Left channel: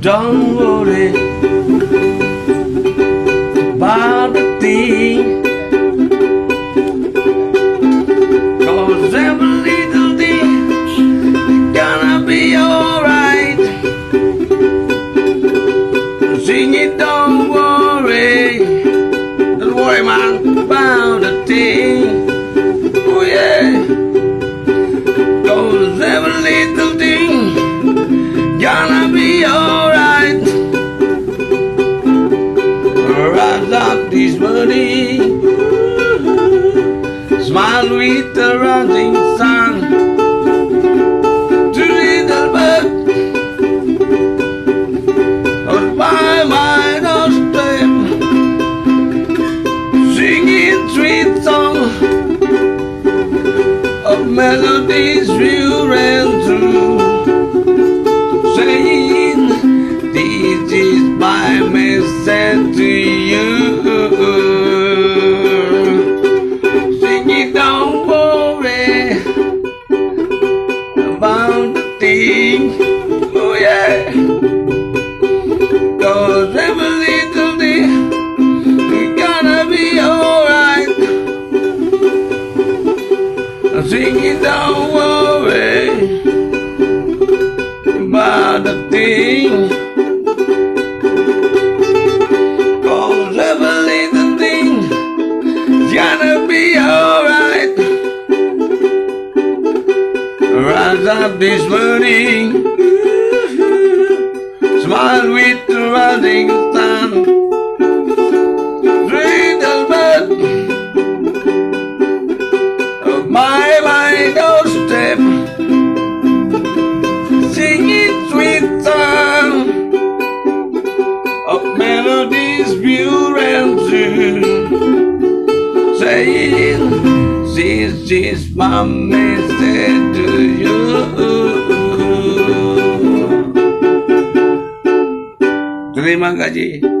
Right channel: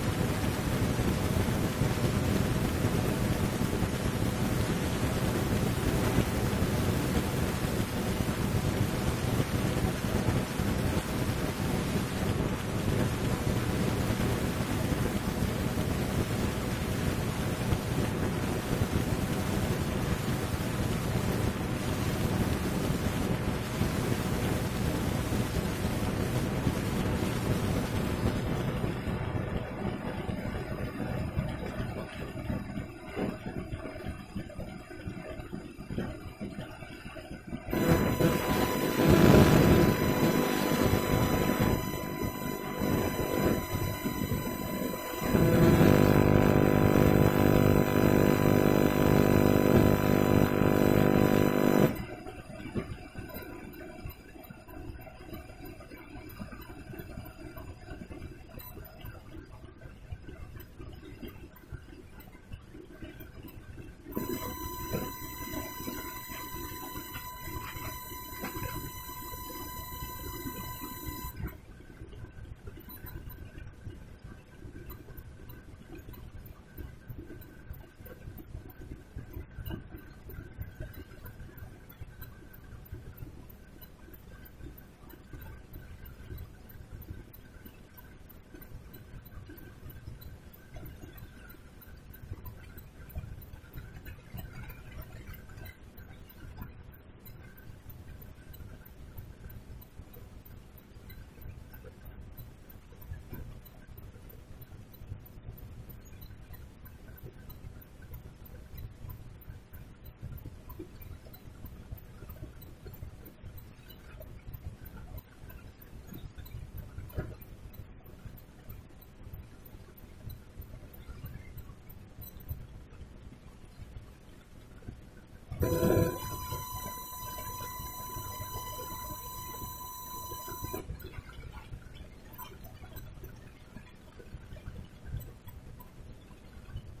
Don't worry about the thing, 'cause every little thing gonna be alright. Sing it, don't worry man, about the thing. Oh yeah, 'cause every little thing gonna be alright. Rise up this morning, smile with the rising sun. To little bird out by my doorstep, singing sweet song of melodies pure and true, saying this is my message to you. Sing it, don't worry about the thing. Oh yeah, 'cause every little thing gonna be alright. Sing it, don't worry about the thing, 'cause every little thing gonna be alright. Rise up this morning, smile with the rising sun. Little bird of my doorstep, singing sweet song of melodies pure and true, saying this is my message to you. Terima kasih.